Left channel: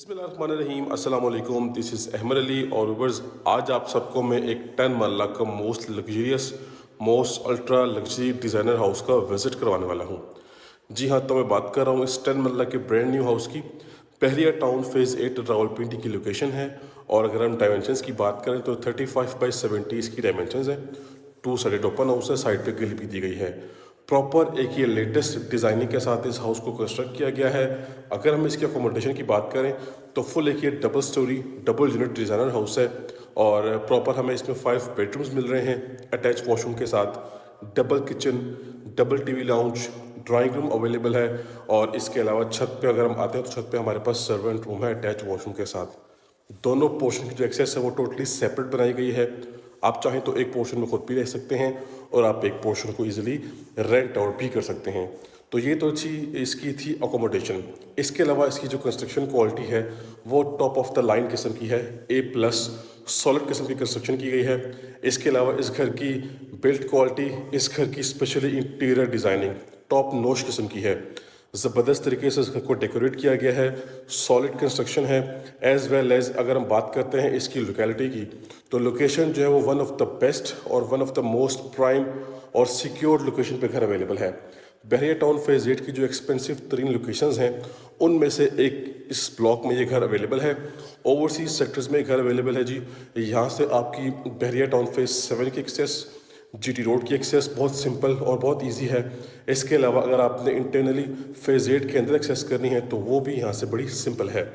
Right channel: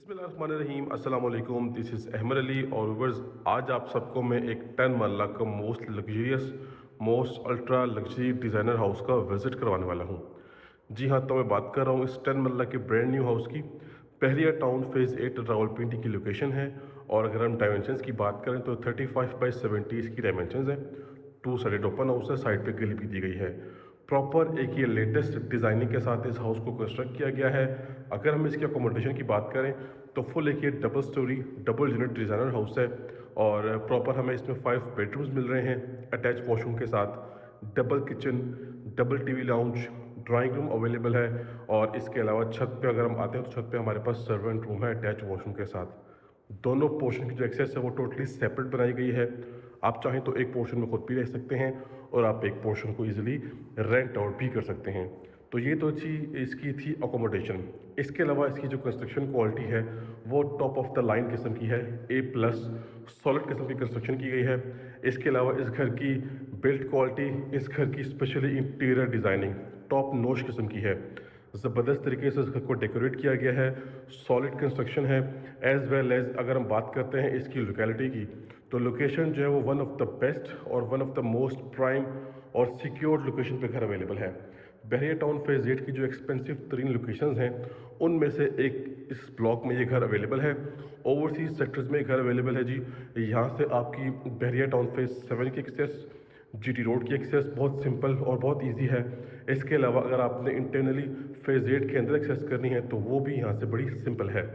बिस्मिल्लाहिर्रहमानिर्रहीम अस्सलाम वालेकुम। दिस इज़ अहमद अली और व्यूअर्स, आज आप सबको मैं एक 10 मरला का most luxurious most ultra luxury designer house का विज़िट करवाने वाला हूँ। जी हाँ, तो मैं बात कर रहा हूँ इस 10 मरला के ब्रांड न्यू हाउस की। पहलिया टाउन फेज़ 8 रावलपिंडी की लोकेशन है। और अगर हम डायमेंशंस की बात करें तो 35 बाई 70 इसकी डायमेंशंस हैं। 2 साइड ओपन हाउस है, साइड पे ग्रिल भी दी गई है। प्रॉपर एक ये लेटेस्ट डिज़ाइनिंग के साथ इस हाउस को कंस्ट्रक्ट किया गया है। अगर हम इसकी अकोमोडेशन की बात करें तो फुल एक ये double storey double unit designer house है। और प्रॉपर हमें इसमें 5 बेडरूम्स मिल रहे हैं अटैच वॉशरूम के साथ। Double kitchen, double TV lounge, drawing room available है। और इसके अलावा छत पे अगर हम आते हैं तो छत पे हमारे पास सर्वेंट रूम है अटैच वॉशरूम के साथ। दोनों पोर्शन की जो एक्सेस है वो टोटली सेपरेट बनाई गई है। आप चाहें तो एक पोर्शन में खुद भी रह सकते हैं और आप एक पोर्शन को इजीली रेंट आउट भी कर सकते हैं। तो ये तो अच्छी इसकी थी अकोमोडेशन। इसके अलावा इसकी जो कंस्ट्रक्शन क्वालिटी है वो टॉप ऑफ द लाइन किस्म की है, A+ सॉलिड किस्म की कंस्ट्रक्शन की गई है। इसके अलावा इस घर की बिल्ड क्वालिटी, इस घर की specially interior designing top notch किस्म की है। ज़बरदस्त तरीके से इस घर को डेकोरेट किया गया है, सॉलिड कंस्ट्रक्शन है। एज़ वेल एज़ अगर हम बात करते हैं इसकी लोकेलिटी की, तो लोकेशन जो है वो वन ऑफ द बेस्ट और one of the most prime और सिक्योर्ड लोकेशन पे घर अवेलेबल है। बहरिया टाउन फेज़ 8 की जो एक्सपेंसिव तरीन लोकेशंस हैं उनमें से एक इस ब्लॉक में ये घर अवेलेबल है। ओवरसीज सेक्टर्स में घर अवेलेबल है जी। यहाँ से आपकी बहरिया टाउन फेज़ 7 की एक्सेस, GT रोड की एक्सेस बहुत सिंपल और बहुत इजी है। इसके अलावा अगर आपने इंटरनली फेज़ 8 के अंदर एक्सेस करनी है तो वो भी यहाँ से बड़ी सिंपल है।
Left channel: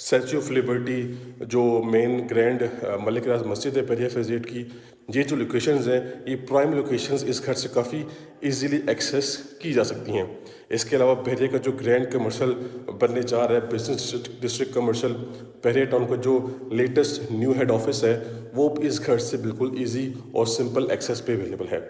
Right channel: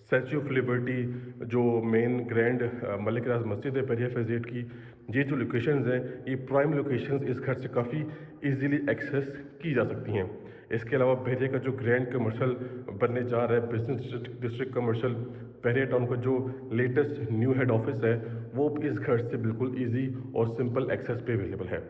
स्टैचू ऑफ लिबर्टी, जो मेन ग्रैंड मलिक राज मस्जिद है बहरिया फेज़ 8 की, ये जो लोकेशंस हैं ये प्राइम लोकेशंस इस घर से काफ़ी इजीली एक्सेस की जा सकती हैं। इसके अलावा बहरिया का जो ग्रैंड कमर्शियल बनने जा रहा है बिजनेस डिस्ट्रिक्ट कमर्शियल, बहरिया टाउन का जो लेटेस्ट न्यू हेड ऑफिस है वो भी इस घर से बिल्कुल इजी और सिंपल एक्सेस पे अवेलेबल है।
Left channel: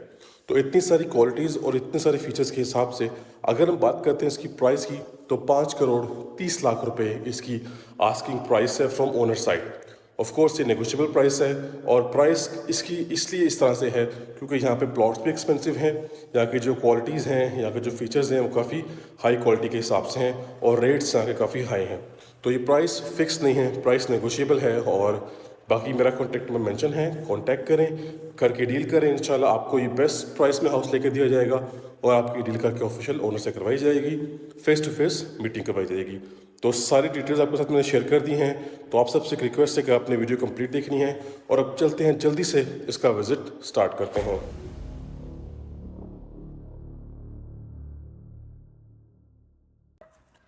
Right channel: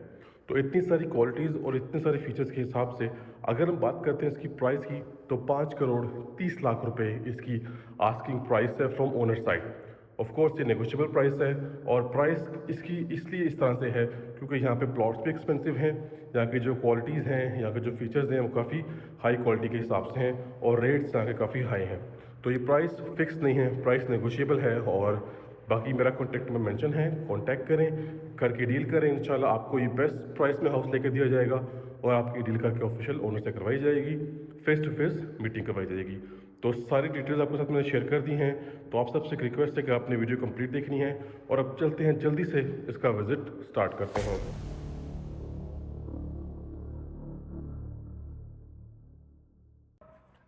तो इतनी सारी क्वालिटीज़ और इतने सारे फीचर्स के हिसाब से अगर हम बात करते हैं इसकी प्राइस की, तो 5 करोड़ 30 लाख रुपए इसकी आस्किंग प्राइस है from owner side. Of course ये नेगोशिएबल प्राइस है। और प्राइस इसकी इसलिए इस तरह से है क्योंकि यहाँ पे प्लॉट्स भी एक्सपेंसिव हैं, यहाँ की जो क्वालिटीज़ हैं, यहाँ के जो फीचर्स हैं वो काफ़ी हाई क्वालिटी के हिसाब से हैं और रेट्स यहाँ के काफ़ी हाई हैं। तो ये प्राइस फिक्स नहीं है, प्राइस नेगोशिएबल है। और बाकी मेरा कॉन्टैक्ट में मेंशन है, कॉन्टैक्ट करें, करके डील करें। इंशाल्लाह आपको ये बेस्ट प्राइस में हाउस लेके दिया जाएगा और आपकी डील करके ऑफिशियल ओनर से करवाई जाएगी, फेस टू फेस मीटिंग करवाई जाएगी। तो सारी डिटेल्स आपके साथ मैंने शेयर कर दी हैं। तो आप सबसे एक रिक्वेस्ट है कि आपने वीडियो कंप्लीट देखनी है और अब चलते हैं जल्दी से इसका विजिट स्टार्ट करते हैं।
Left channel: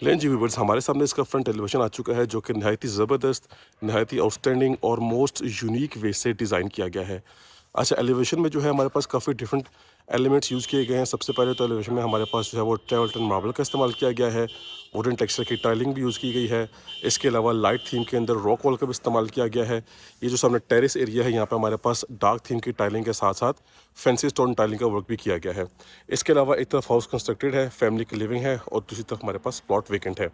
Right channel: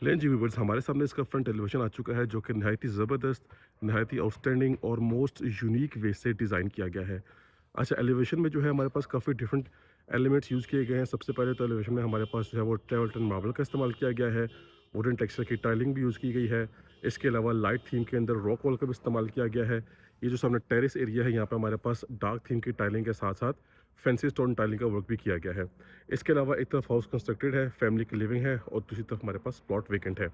लें जी व्यूवर्स, हमारे सामने इसका फ्रंट एलिवेशन आ चुका है जो कि नहायत ही ज़बरदस्त, नहायत ही आउटस्टैंडिंग और मोस्ट यूनिक वे से डिज़ाइन किया गया है। अच्छा, एलिवेशन में जो है हमारे पास काफ़ी डिफरेंट एलिमेंट्स यूज़ किए गए हैं। सबसे पहले तो एलिवेशन में हमारे पास जो है वो ट्रेवल्टन मार्बल का इस्तेमाल किया गया है। वुडन टेक्सचर की टाइलिंग भी यूज़ की गई है। इसके अलावा लाइट थीम के अंदर रॉक वॉल का भी इस्तेमाल किया गया है। ये जो सामने टेरेस एरिया है यहाँ पे हमारे पास डार्क थीम की टाइलिंग के साथ साथ फैंसी स्टोन टाइलिंग का वर्क भी किया गया है। इसके अलावा एक तरफ हाउस कंस्ट्रक्टेड है, फैमिली की लिविंग है और दूसरी तरफ हमारे पास प्लॉट वेकेंट है।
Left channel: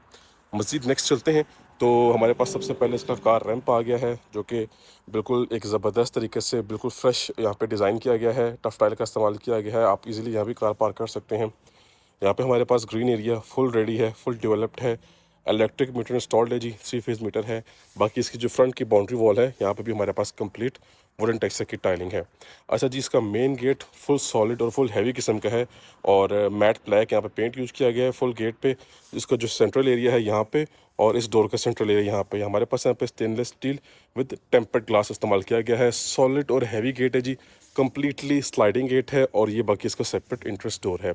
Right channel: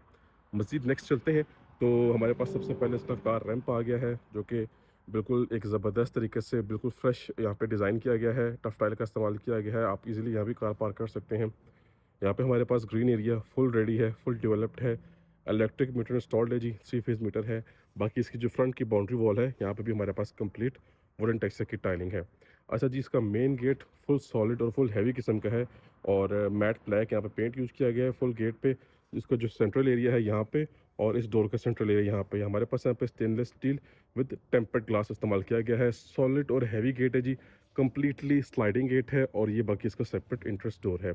मज़ीद नेक्स्ट चलते हैं तो हमारे पास सबसे पहले इसका कार रैंप आ गया है जो कि बिल्कुल एक ज़बरदस्त तरीके से बिल्कुल फ्रेश यहाँ पे डिज़ाइन किया गया है। टफ टाइल का इस्तेमाल किया गया है, आप इजीली यहाँ भी कार पार्क कर सकते हैं। यहाँ पे हमारे पास ग्रीन एरिया फुल रेडी है, फुल डेवलप्ड है। इलेक्ट्रिक मीटर इंस्टॉल्ड है जी, 3 फेज़ मीटर है। बाकी इसकी जो फ्रंट की बाउंड्री वॉल है यहाँ पे भी हमारे पास कंप्लीट वुडन टेक्सचर की टाइलिंग है। अच्छा जी, इसका मेन गेट फुल सॉलिड और फुल हैवी किस्म का है और मैट ब्लैक यहाँ पे पेंट यूज़ किया गया है फुल गेट पे। इसका जो सेंट्रल एरिया है यहाँ पे और इस डोर का सेंट्रल एरिया यहाँ पे हमारे पास यहाँ पे stainless steel with tempered glass इस्तेमाल किया गया है। सॉलिड और हैवी गेट है जी, कम्प्लीटली स्लाइडिंग गेट है और ये बाकी इसका सेपरेट इंट्रेंस डोर है।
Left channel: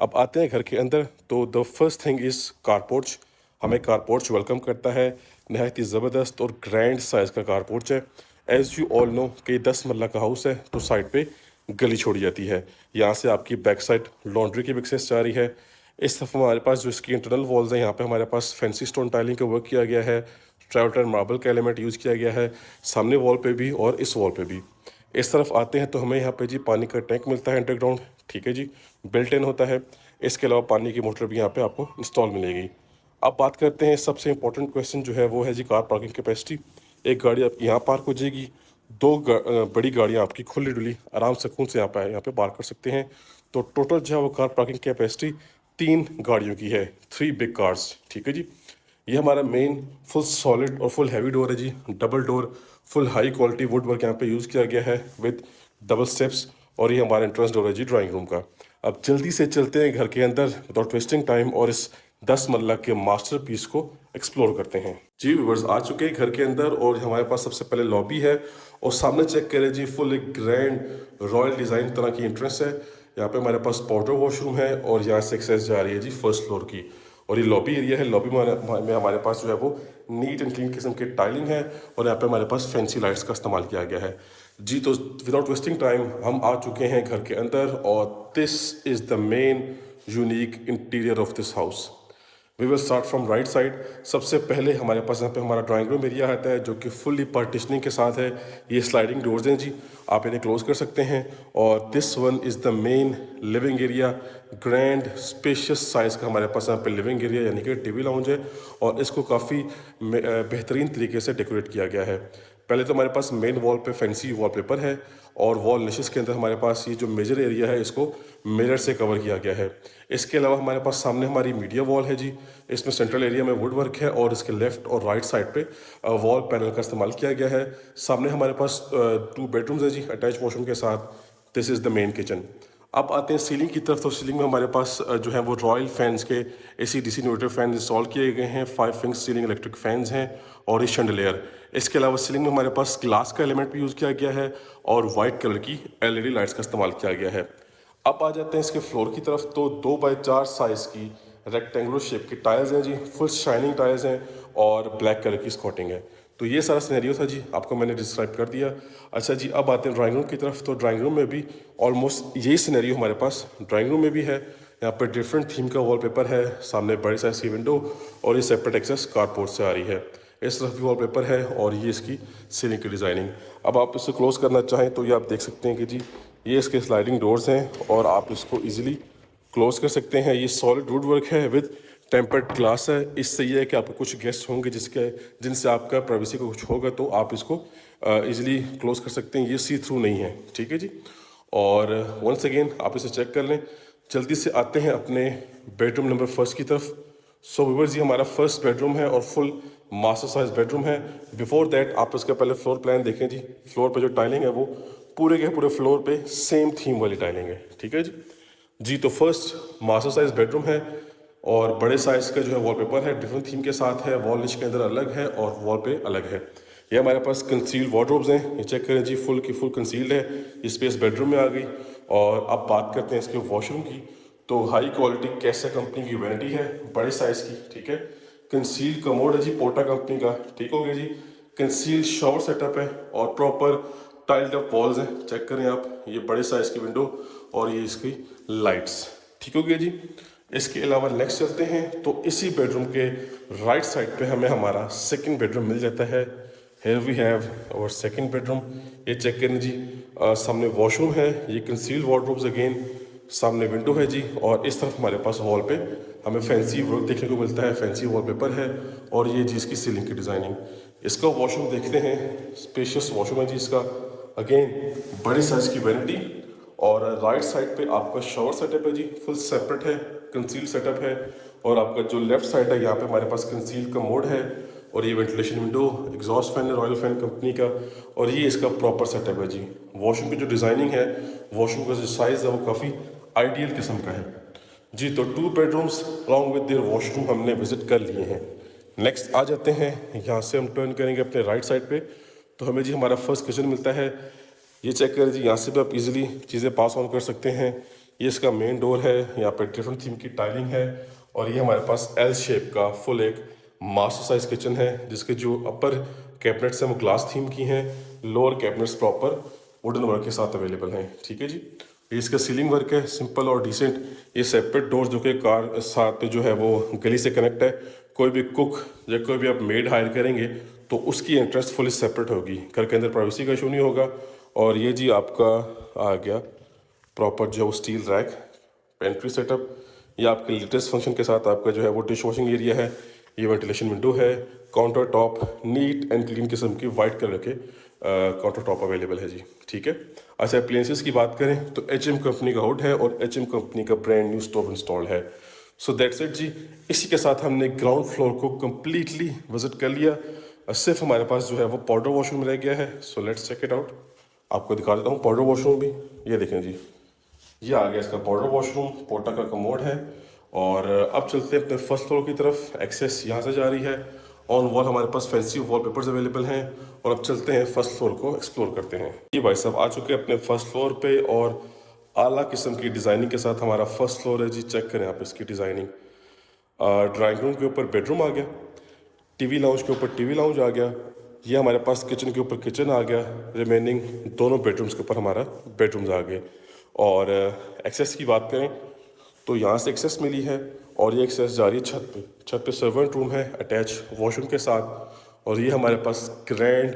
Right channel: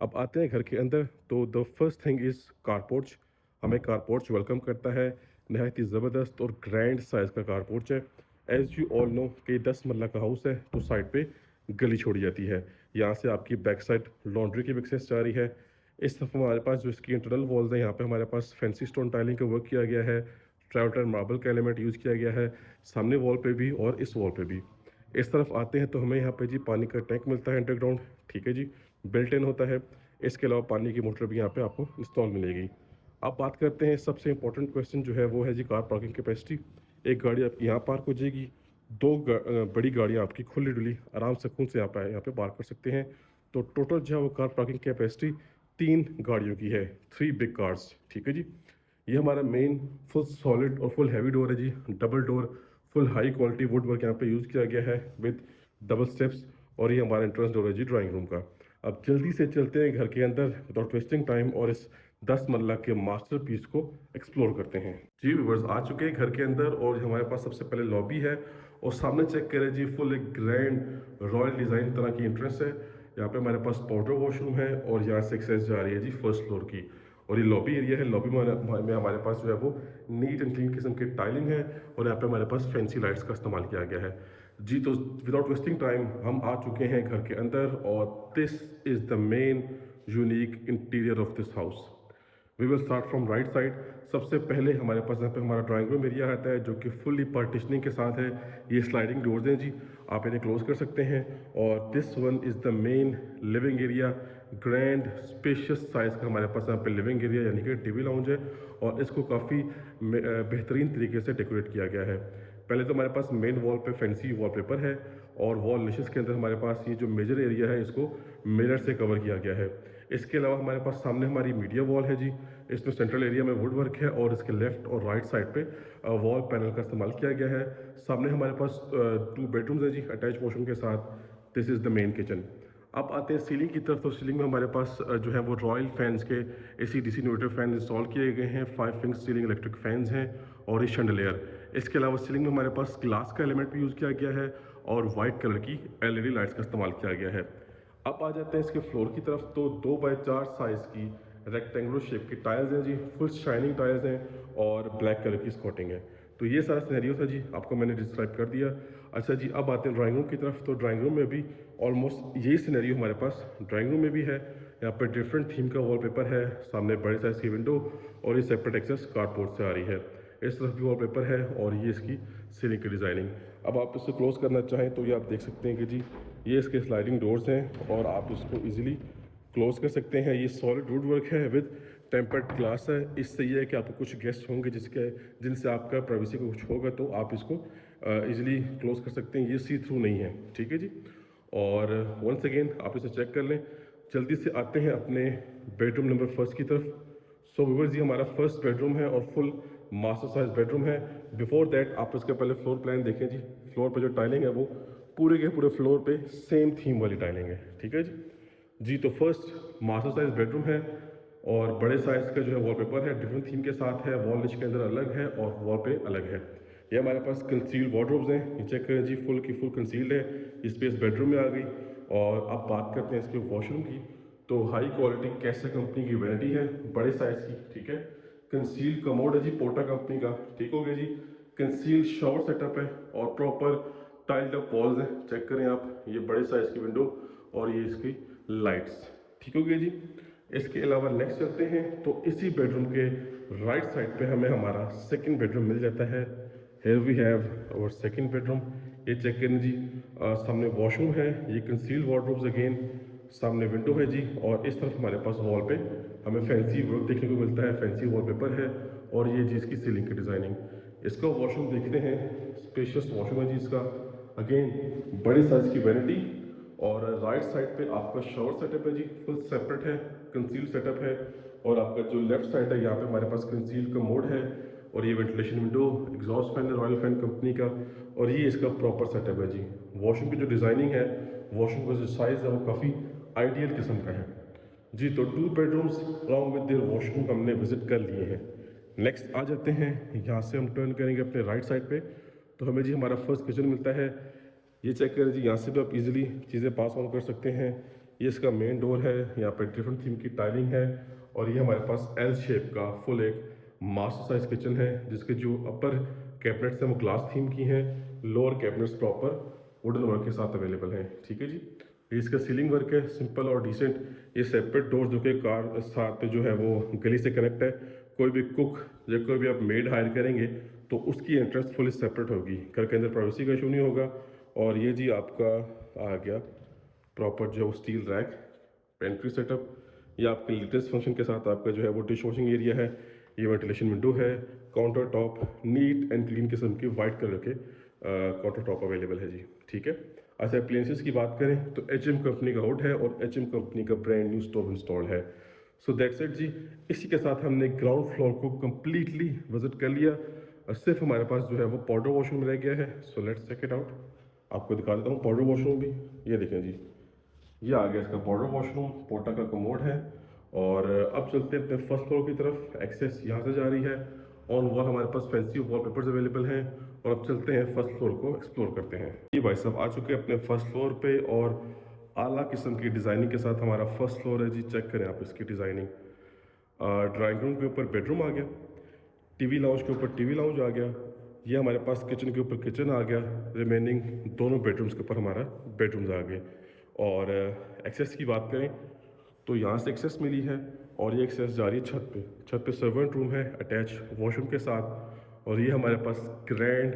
अब आते हैं घर के अंदर तो the first thing is car porch. हमें कारपोर्च वेलकम करता है। नहायत ही ज़बरदस्त और ग्रैंड साइज़ का कारपोर्च है। एज़ यू ऑल नो कि 10 मरला का हाउस है तो साइड पे गली छोड़ी जाती है। यहाँ से आपकी बैक साइड लॉन्ड्री की भी एक्सेस जा रही है। इस तरफ हमारे पास जो इसकी इंटरनल वॉल्स हैं यहाँ पे हमारे पास फैंसी स्टोन टाइलिंग का वर्क किया गया है। ट्रेवल्टन मार्बल का एलिमेंट यूज़ किया गया है सामने वॉल पे भी और इस वॉल पे भी। इस तरफ आते हैं तो हमें यहाँ पे जी पानी का टैंक मिलता है अंडरग्राउंड, ठीक है जी, बिल्ट इन होता है। इसके अलावा पानी की मोटर भी यहाँ पे आपको इंस्टॉल मिलेगी। अब बात करते हैं सबसे इंपॉर्टेंट क्वेश्चन जो है वो है जी कार पार्किंग कैपेसिटी। एक गाड़ी आपकी यहाँ पार्क हो जाएगी, बड़ी गाड़ियाँ आपकी खुली डुली आराम सुकून से यहाँ पे पार्क कर सकते हैं। तो टोटल जो है वो कार पार्किंग कैपेसिटी 3 गाड़ियों की है, 3 बिग कार्स, ठीक है जी। ये हमारा मेन फुल सॉलिड और फुल हैवी डोर है जी, double door, full high quality wood work यहाँ पे यूज़ किया गया है विद डबल स्टेप्स। और ये हमारा एंट्रेंस डोर है जी ड्राइंग रूम का। अब जल्दी से चलते हैं घर के अंदर विदाउट वेस्टिंग टाइम और इस 10 मरला के मास्टरपीस को एक्सप्लोर करते हैं। जी व्यूअर्स, आ चुके हैं घर के अंदर और हमारे पास सबसे पहले लॉबी है और सामने चेक करें जी, फुल एक ग्रैंड रॉयल डिज़ाइन तरह की एंट्रेंस है। यहाँ पे हमारे पास पाउडर वॉशरूम है और यहाँ से एक्सेस जा रही है जी फर्स्ट फ्लोर की। और ये लॉबी एरिया है। लॉबी में हमारे पास जो है वो नीट एंड क्लीन किस्म की टाइलिंग है और यहाँ पे हमारे पास फैंसी लाइट्स का इस्तेमाल किया गया है जी। तो विदाउट वेस्टिंग टाइम हम आ चुके हैं घर के अंदर और this is the main unique interior of this house. We will start from right side. सबसे पहले हमारे पास यहाँ पे हमारा ड्राइंग रूम एरिया आता है जो कि फुल्ली पार्टीशनिंग के साथ है। ये स्लाइडिंग डोर्स हैं जी, आप इन्हें क्लोज कर सकते हैं। और this one is the main living area. Grand spacious size का हमारे पास यहाँ पे लिविंग एरिया यानी कि टीवी लाउंज है और इसको काफ़ी बेहतरीन तरीके से डेकोरेट किया गया है। पहले तो हमारे पास मेन वॉल पे फैंसी वॉलपेपर है और वॉल निशेस के अंदर हमारे पास ये जो मेजर एरिया है इसको मिरर से कवर किया गया है। इसके अलावा हमारे पास सामने हमारी मीडिया वॉल है जी, इसमें सेंट्रल एरिया में वुड वर्क है और इसके लेफ्ट और राइट साइड पे वॉल पैनल का इस्तेमाल किया गया है। सामने हमारे पास 2 बेडरूम्स है जी अटैच वॉशरूम के साथ। This is the main kitchen. अब आते हैं सीलिंग की तरफ। तो सीलिंग में हमारे पास जो है वो रॉयल फैंस के AC DC inverter fan install किए गए हैं। 5 फिंक्स सीलिंग इलेक्ट्रिक फैंस हैं और ये शैंडलियर। इसके अलावा सीलिंग में हमारे पास ग्लास का एलिमेंट भी यूज़ किया गया है और वाइट कलर की LED लाइट्स का इस्तेमाल किया गया है। अब आ जाते हैं इसके फ्लोर की तरफ। तो 2x4 साइज़ की रेक्टेंगुलर शेप की टाइल्स हैं जी, फुल शाइनिंग टाइल्स हैं और ब्लैक कलर की स्कॉटिंग है। तो ये सारा सिनेरियो था जी, आपको मैंने डिस्क्राइब कर दिया। अच्छा जी, अब आते हैं ड्राइंग रूम की तरफ। तो ड्राइंग रूम में भी ऑलमोस्ट यही सिनेरियो हमारे पास ड्राइंग रूम में भी है। यहाँ पर डिफरेंट थीम का वॉलपेपर है, सामने बड़ी साइज की विंडो और ये सेपरेट एक्सेस कारपोर्ट से आ रही है। इस तरफ भी वॉलपेपर है और ये इसकी सीलिंग की डिज़ाइनिंग। अब आप इसे क्लोज करना चाहें तो ये आप देख सकते हैं कि जी ये इसके स्लाइडिंग डोर्स हैं और आप इसको इजीली क्लोज कर सकते हैं। ये सॉलिड वुड वर्क है विद टेम्पर्ड ग्लास है। इससे ये है कि आपको कुछ गेस्ट होंगे जिनसे आपका प्राइवेसी का कुछ होगा तो आप इसको इजीली क्लोज कर सकते हैं। ये सी थ्रू नहीं है, ठीक है जी। और वंस अगेन आप इसे चेक कर लें। जल्दी से आते हैं अपने बेडरूम नंबर फर्स्ट की तरफ। सो व्यूअर्स, ये हमारा फर्स्ट बेडरूम है और फुल मास्टर साइज बेडरूम है। बिफोर दैट आप इसका पहले फ्लोर प्लान देखें जी। फ्लोर पे जो टाइलिंग है वो पूरे के पूरे फ्लोर पे सेम थीम वाली टाइलिंग है, ठीक है जी। जी तो फर्स्ट मास्टर साइज बेडरूम है और बड़े साइज का जो है वॉलपेपर है, डिफरेंट थीम के साथ है। वॉल निच के अंदर अलग है और वॉल पे अलग है। ये हमारे पास कंसील्ड वार्डरोब्स हैं, ये चेक करें जी, फुल की फुल कंसील्ड है। ये स्पेस बेडरूम में आ गई। और अब बात करते हैं इसके वॉशरूम की। तो हाई क्वालिटी कैसा कंपनी की वैनिटी है, बड़े साइज की, ठीक है। कंसील्ड कमोड है जी, पोटा कंपनी का, ठीक हो गया जी। कंसील्ड शावर सेटअप है और प्रॉपर टाइल्ड अप वॉल्स हैं, चेक करें आप। ये बड़े साइज की विंडो और ये इसकी लाइट्स, ठीक हो गया जी। इसके अलावा नेक्स्ट चलते हैं तो इसी बेडरूम के राइट साइड पे हमें हमारा सेकंड बेडरूम मिल जाता है। Here we have our second bedroom. ये चेक करें जी, सामने वॉशरूम है, ये कंसील्ड वार्डरोब्स अगेन, सामने विंडो है जी। और इस तरफ हमारे पास वॉल पे हमें फैंसी वर्क देखने को मिलता है, फैंसी वॉलपेपर है और ये जी इसकी सीलिंग की डिज़ाइनिंग। इसका वॉशरूम देखते हैं, स्पेशियस वॉशरूम है जी इसका, अगेन बड़ी साइज की वैनिटी। और राइट साइड पे आपका शावर सेटअप है जी, फुल सेपरेट है, कंसील सेटअप है। और आपका जो लेफ्ट साइड है यहाँ पे हमारे पास कंसील का मोड है और ये वेंटिलेशन विंडो, एग्जॉस्ट फैन है रॉयल फैन कंपनी का। और ये इसका प्रॉपर सेटअप है जी। वॉशरूम की जो डिज़ाइनिंग है, वॉशरूम का जो साइज़ है वो काफ़ी आइडियल किस्म का है जी। तो 2 bedrooms along with their washroom हमने विजिट कर लिए हैं। नेक्स्ट आ जाते हैं, यहाँ से हम टर्न करेंगे अपने राइट साइड पे तो हमें जी हमारा फर्स्ट किचन मिलता है। ये चेक करें जी, यहाँ से भी आप इजीली चीज़ें पास ऑन कर सकते हैं। ये इसका मेन डोर है, यहाँ पे डिफरेंट थीम की टाइलिंग है और ये हमारे पास एल शेप का फुल एक मास्टर साइज किचन है जिसके जो अपर कैबिनेट्स हैं वो ग्लास थीम की हैं, lower cabinets proper wooden work के साथ अवेलेबल हैं, ठीक है जी। ये इसका सीलिंग वर्क है, सिंपल और डिसेंट। ये सेपरेट डोर्स जो कि कार साथ पे जो है वो गली से कनेक्ट है। कोई भी कुक या कोई भी आप मेड हायर करेंगे तो उसकी एंट्रेंस फुली सेपरेट होगी, घर के अंदर प्राइवेसी का इशू नहीं होगा। और ये जी आपका आ गया प्रॉपर जो स्टील रैक पेंट्री सेटअप। ये आपके लेटेस्ट फंक्शन के साथ आपका जो है वो डिश वॉशिंग एरिया है। ये वेंटिलेशन विंडो है, counter top neat and clean किस्म की वाइट कलर के काउंटर टॉप अवेलेबल है जी, ठीक है। अच्छा, अप्लायंसेस की बात करें तो HM कंपनी का हुड है और HM कंपनी का ब्रांड न्यू स्टोव इंस्टॉल्ड है। सो दैट्स इट जी। इसी के साथ हमने ग्राउंड फ्लोर को कम्प्लीटली विजिट कर लिया। सिर्फ हमारे पास जो है वो पाउडर वॉशरूम रह गया है। So let's check it out. आपको दिखा देता हूँ पाउडर वॉशरूम भी। ये देखें जी, ये आ गया इसका पाउडर वॉशरूम, पोटा का कमोड है। और अब चलते हैं अपने फर्स्ट फ्लोर की तरफ। एक्सेस यहाँ से जा रही है। ऑन वॉल हमारे पास फैंसी वॉलपेपर्स अवेलेबल हैं। और अब चलते हैं फर्स्ट फ्लोर को एक्सप्लोर करते हैं। ये भाई साहब आ चुके हैं अपने फर्स्ट फ्लोर पे और आला किस्म की डिज़ाइनिंग के साथ हमारा फर्स्ट फ्लोर है जी। चेक करें आप इसकी डिज़ाइनिंग। ड्राइंग रूम के ऊपर बेडरूम आ गया, टीवी लाउंज के ऊपर टीवी लाउंज आ गया। ये हमारे पास किचन के ऊपर किचन आ गया। रिमेनिंग दोनों बेडरूम्स के ऊपर हमारा बेडरूम्स आ गए। और एक्सेस की बात करें तो यहाँ से एक्सेस मिली है और ये एक्सेस जा रही है छत पे। छत पे सर्वेंट रूम है अटैच वॉशरूम के साथ। और ये हमारे पास ग्रैंड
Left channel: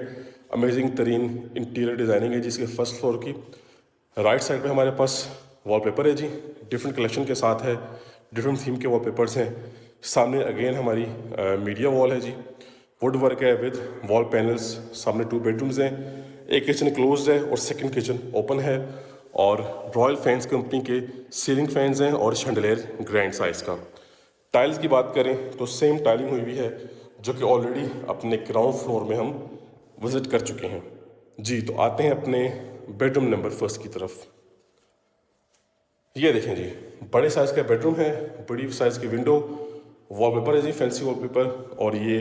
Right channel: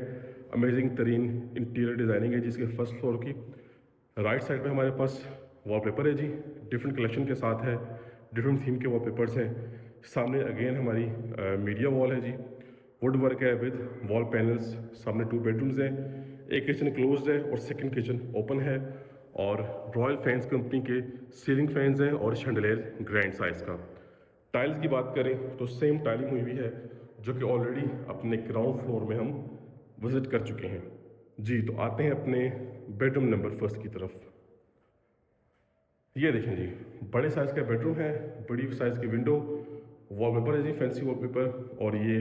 अमेजिंग तरीन इंटीरियर डिज़ाइनिंग है जिसके फर्स्ट फ्लोर की। राइट साइड पे हमारे पास वॉलपेपर है जी, डिफरेंट कलेक्शन के साथ है, डिफरेंट थीम के वॉलपेपर्स हैं। सामने अगेन हमारी मीडिया वॉल है जी, वुड वर्क है विद वॉल पैनल्स। सामने 2 बेडरूम्स हैं, एक किचन क्लोज्ड है और सेकंड किचन ओपन है। और रॉयल फैंस कंपनी के सीलिंग फैंस हैं और शैंडलियर ग्रैंड साइज का। टाइल्स की बात करें तो सेम टाइलिंग हुई हुई है जो कि ऑलरेडी अपने ग्राउंड फ्लोर में हम विजिट कर चुके हैं जी। तो आते हैं अपने बेडरूम नंबर फर्स्ट की तरफ। ये देखें जी, बड़े साइज़ का बेडरूम है, बड़ी साइज़ की विंडो, वॉलपेपर है जी फैंसी वॉलपेपर। और ये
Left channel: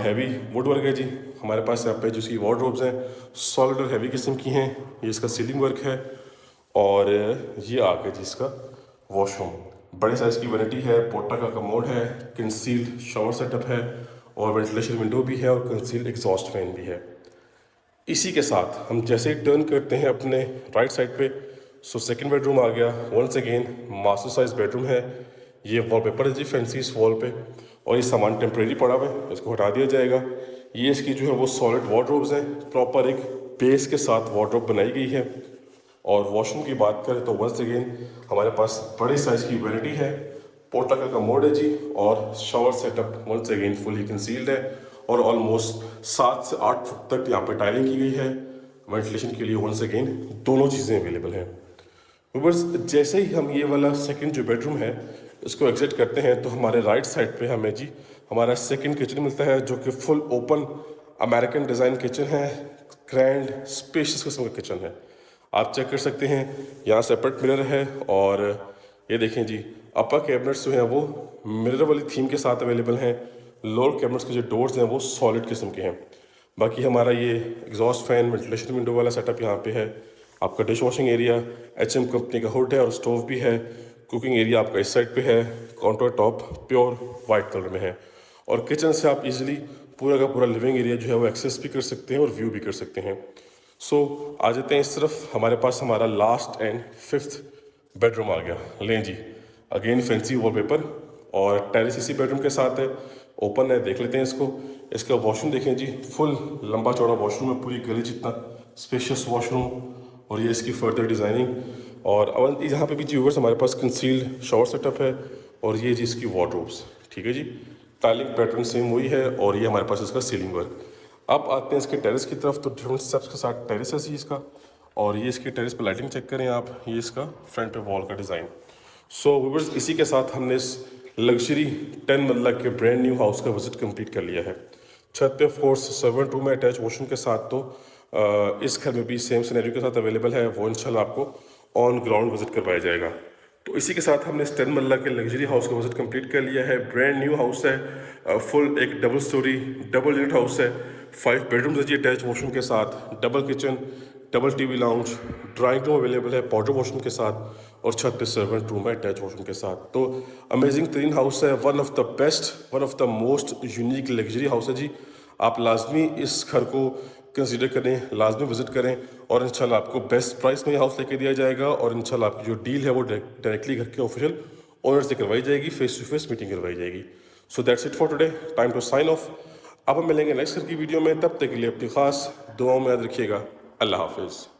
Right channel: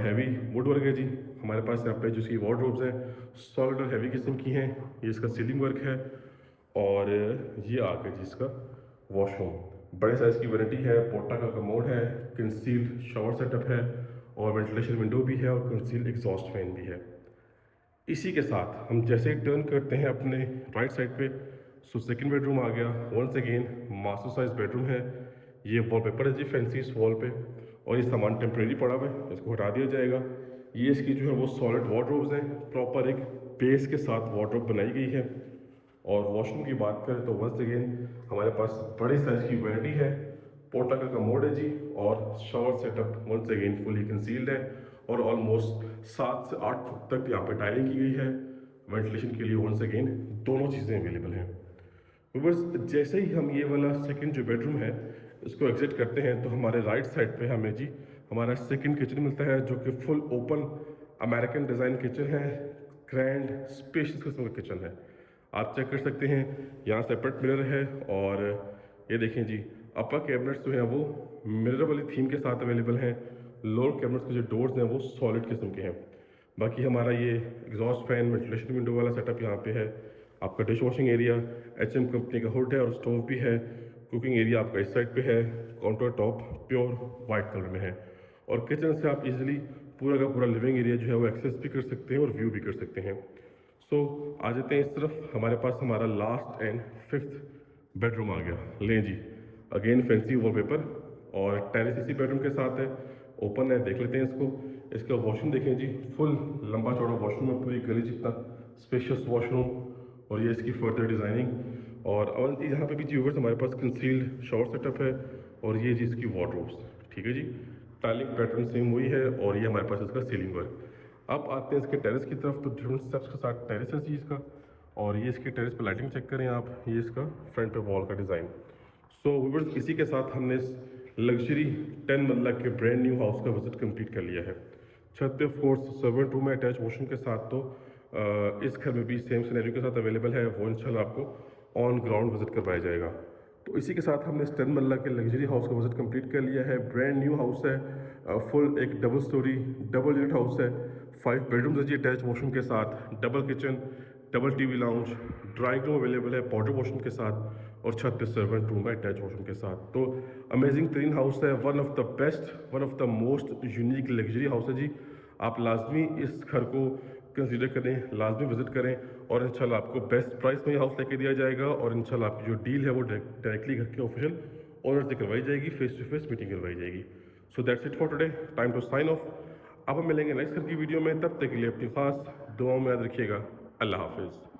हैवी वुड वर्क है जी। हमारे पास यहाँ पे जो इसकी वार्डरोब्स हैं सॉलिड और हैवी किस्म की हैं। ये इसका सीलिंग वर्क है। और ये आ गया जी इसका वॉशरूम, बड़े साइज़ की वैनिटी है, पोटा का कमोड है, कंसील्ड शावर सेटअप है और वेंटिलेशन विंडो भी है और कंसील्ड एग्जॉस्ट फैन भी है। इसी के साथ हम जैसे ही टर्न करते हैं अपने राइट साइड पे, सो सेकंड बेडरूम आ गया। Once again master size bedroom है। ये वॉलपेपर है जी फैंसी इस वॉल पे। और ये सामान टेम्प्रेरी पड़ा हुआ है, इसको हटा दिया जाएगा। ये इसकी जो है वो सॉलिड वार्डरोब्स हैं, प्रॉपर एक बेस के साथ वार्डरोब बनाई गई है। और वॉशरूम की बात करें तो वंस अगेन हमारे पास बड़े साइज की वैनिटी है, पोटा का कमोड है जी और shower setup once again fully concealed है। और ऑलमोस्ट 7 से 8 फुट तक यहाँ पे टाइलिंग की गई है। वेंटिलेशन के लिए वंस अगेन दोनों चीज़ें अवेलेबल हैं। व्यूअर्स, जैसे ही हम ये वाला सेकंड जो बेडरूम है इसको एग्जिट करते हैं तो हमारे राइट साइड पे हमें जी हमारा सेकंड किचन मिलता है जो कि full open American design kitchen है। ग्रैंड स्पेशियस किस्म का किचन है, आप चेक कर सकते हैं। यहाँ सेपरेट मिरर है और ये देखें जी अपर कैबिनेट्स जो हैं वो मिरर वाली थीम के साथ अवेलेबल हैं। लोअर कैबिनेट्स के जो डोर्स हैं वो सॉलिड किस्म के हैं। बाकी हमारा ये एग्जॉस्ट फैन वेंटिलेशन विंडो वाला सेटअप यहाँ पे है। आपका dish washing area HM company का हुड है और स्टोव भी है। कुकिंग एरिया आपका इस साइड पे है, counter top pure white colour में है। और किचन से आप इजीली पूरा का पूरा लिविंग एरिया जो है वो एक्सेस भी कर सकते हैं और व्यू भी कर सकते हैं। सो आ जाते हैं इस तरफ। हमारे पास हमारा लास्ट एंड फिफ्थ बेडरूम आ गया। लें जी, अगेन फैंसी वॉलपेपर और टेरेस इसी बेडरूम के साथ है, ओपन है। देख लेते हैं इसको। इसका वॉशरूम देखें जी, फुल लंबा चौड़ा वॉशरूम है, पूरी गली जितना स्पेशियस वॉशरूम। और ये इसकी फर्दर डिज़ाइनिंग। और अब यहाँ पे भी जी व्यूअर्स हमारे पास कंसील्ड शावर सेटअप है। और ये जी इसकी वार्डरोब्स, ठीक है जी। टाइलिंग पैटर्न सेम वही है और ये हमारे पास इसका सीलिंग वर्क। अब आते हैं इसके टेरेस की तरफ। तो डिफरेंट स्टेप्स के साथ टेरेस है जी इसका। और ये इसकी टेरेस पे लाइटिंग चेक करें आप, ये इसका फ्रंट पे वॉल का डिज़ाइन। सो व्यूअर्स, इसी के साथ हमने इस लग्जरी 10 मरला के ब्रांड न्यू हाउस का विजिट कंप्लीट कर लिया है। छत पे ऑफ कोर्स सर्वेंट रूम है अटैच वॉशरूम के साथ। तो इस घर में भी सेम सिनेरियो के साथ अवेलेबल है, वो इंशाल्लाह आपको ऑन ग्राउंड विजिट करवाया जाएगा। तो इसी के साथ हमने इस 10 मरला के लग्जरी हाउस का विजिट कंप्लीट कर लिया है। ब्रांड न्यू हाउस है, फुल एक double storey double unit house है। 5 बेडरूम्स है जी अटैच वॉशरूम के साथ, double kitchen, double TV lounge, drawing room available है पाउडर वॉशरूम के साथ और छत पे सर्वेंट रूम है अटैच वॉशरूम के साथ। तो अमेजिंग तरीन हाउस है, one of the best, one of the most unique luxury house है जी। आप लाजमी इस घर को कंसीडर करें, लाजमी विजिट करें और इंशाल्लाह आपको बेस्ट प्राइस में ये हाउस लेके दिया जाएगा। और इंशाल्लाह आपकी जो डील है वो डायरेक्टली घर के ऑफिशियल ओनर से करवाई जाएगी, फेस टू फेस मीटिंग करवाई जाएगी। So that's it for today, time to sign off. अब हम मिलेंगे नेक्स्ट घर की वीडियो में, तब तक के लिए अपनी खास दुआओं में याद रखिएगा। अल्लाह हाफिज़।